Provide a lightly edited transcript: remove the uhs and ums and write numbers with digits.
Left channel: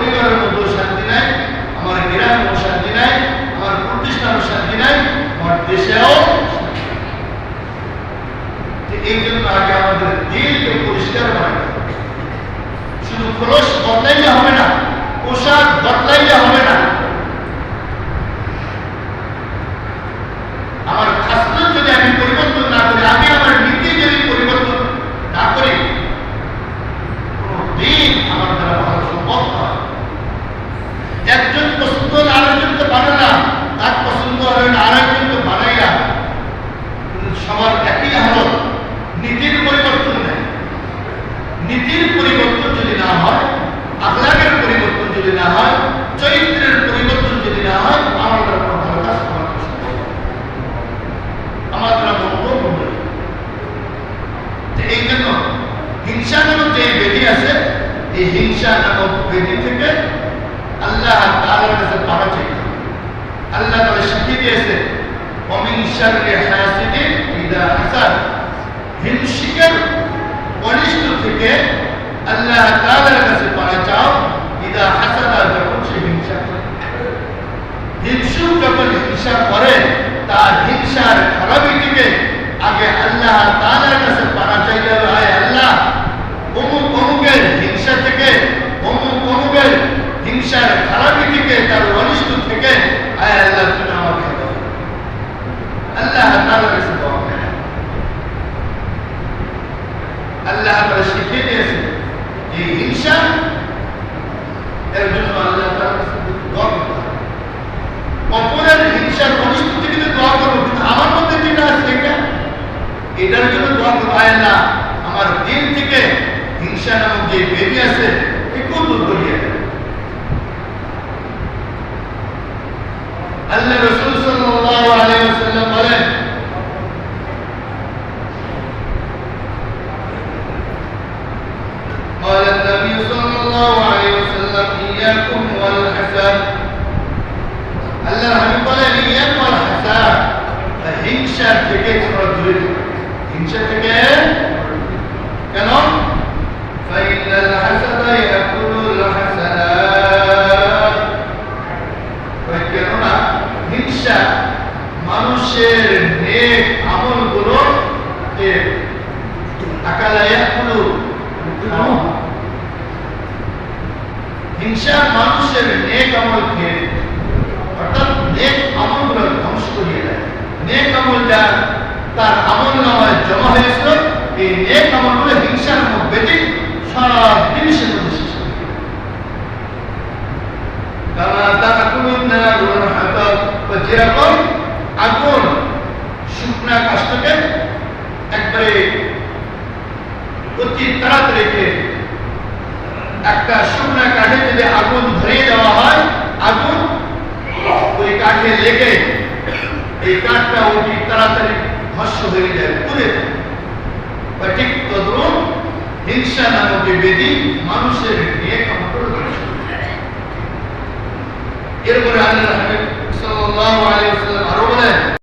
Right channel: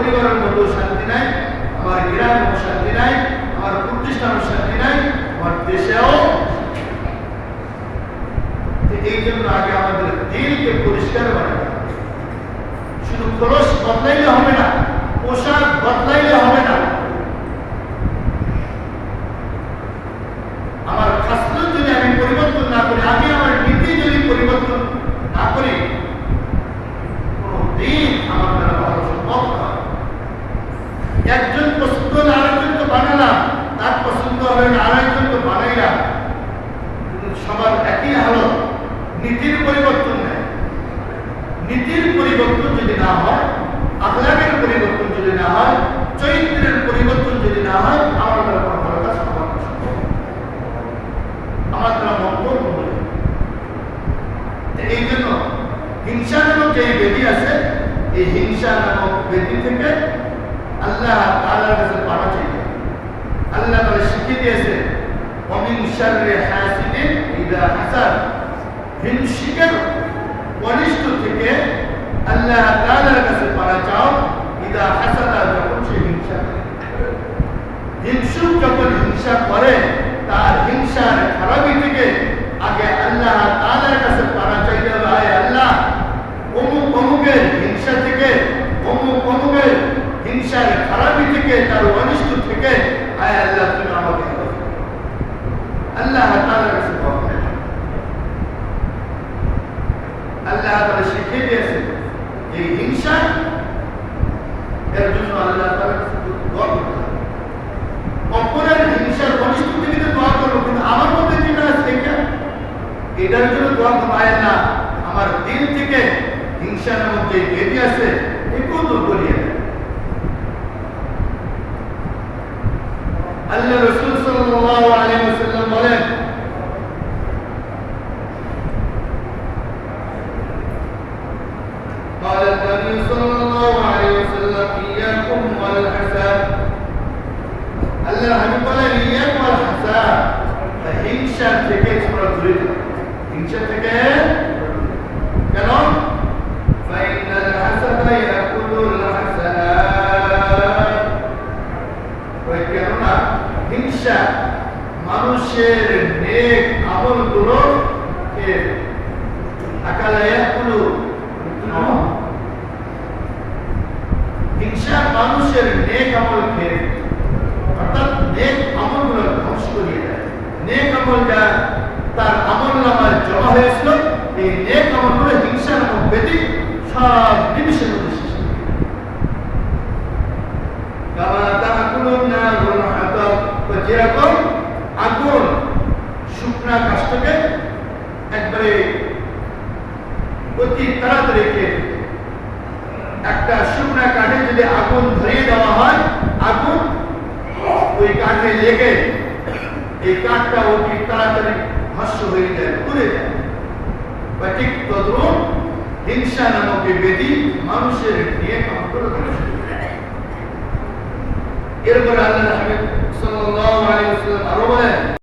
পরিবারের মধ্যেও শান্তি নাই, আমার গ্রামেও শান্তি নাই, আমার প্রতিষ্ঠানেও শান্তি নাই, আমার দেশেও। এই জন্য আগে আমাদের দিলকে পরিষ্কার বানাতে হবে। শুধু খোলস বদলাইলে হবে না, পোশাক বদলাইলে হবে না। আমার খাসলত যদি আমি পরিবর্তন না করি, আমি আমার নীতি যদি পরিবর্তন না করি, কোনদিন আমার দ্বারা ভালো সম্ভব নয়। একজন পছন্দ হলে আরেকজনকে বানালাম, তার পছন্দ হলে আরেকজনকে বানাইলাম, সবার একই হালত। নীতির পরিবর্তন নেই। নীতির পরিবর্তন যদি না হয়, আখলাকের পরিবর্তন যদি না হয়, চরিত্রের পরিবর্তন যদি না হয়, আমার দ্বারা কোনো ভালো কাজ আমার সম্ভব নয়, আমার দ্বারা মঙ্গল নয়। এই জন্য হিংসা নামক যে বেদি আছে, এই হিংসা নামক বেদি থেকে আল্লাহ তাআলার কাছে পানা চাইতে হবে। আল্লাহ তাআলা শিখিয়ে দিয়েছে, ওমিন শাররি হাসিদিন ইযা হাসাদ। হিংসুকের অনিষ্ট থেকে আল্লাহ তাআলার কাছে পানা চাও, ইযা হাসাদা, যখন সে হিংসা করে। হিংসুক যখন হিংসা করে, তার হিংসার খারাপি থেকে আগে আল্লাহ তাআলার কাছে পানা চাইতে হবে। আয় আল্লাহ, অমুক অমুকের হিংসা থেকে, অমুক অমুকের হিংসার খারাপি থেকে, তার অনিষ্ট থেকে আয় আল্লাহ তুমি আমাকে হেফাজত করো। আল্লাহ তাআলার কাছে দোয়া করে। আল্লাহ তাআলা শিখিয়ে দিয়েছেন এই হিংসা, এর জন্য আল্লাহ তাআলার কাছে দোয়া করতে হবে। অপরের হিংসার অনিষ্ট থেকে দোয়া করবো, কিন্তু আমার মধ্যে যেটা আছে এটার জন্য দোয়া করবো। আয় আল্লাহ, আমার দিল থেকে হিংসা নামক যে বেদি আছে একেও দূর করিয়ে দেন। আল্লাহ রাসূল সাল্লাল্লাহু আলাইহি ওয়াসাল্লাম বলেন, قال النبي صلى الله عليه وسلم إياكم والحسد। আল্লাহর হাবিব বলেন, ইয়াকুম ওয়াল হাসাদ, হিংসা থেকে তোমরা দূরে থাকো। হিংসা থেকে কেন? ফাইনাল হাসাদা ইয়াকুলুল হাসানাত। কেননা হিংসা মানুষের নেক আমলগুলো আকালা ইয়াকুলু। হিংসা মানুষের নেক আমল খেয়ে, অর্থাৎ নেক আমলগুলো ধ্বংস করিয়ে দেয়। নেক আমলটা তার আমল নামায় জমা হয়েছিল, এই নেক আমলগুলো হিংসা নামক বেদি সব জিনিসের মধ্যে শেষ করে দিল। কামা তাকুলুন নারুল হাতাব, যেরকম আগুন শুকনা কাষ্ঠকে একবারে অতি তাড়াতাড়ি একটা শুকনা কাঠে যদি আগুন ধরিয়ে দেওয়া হয়, আগুন ওই কাঠে লেগে এই কাঠটা অতি তাড়াতাড়ি ভস্ম হয়ে যায়, পুড়ে যায়। বা ঠিক তদ্রুপ হিংসা নামক বেদি মানুষের নেক আমল ধ্বংস করে দেয়। এরপরে আল্লাহর হাবিব সাল্লাল্লাহু আলাইহি ওয়াসাল্লাম আরো বলেন,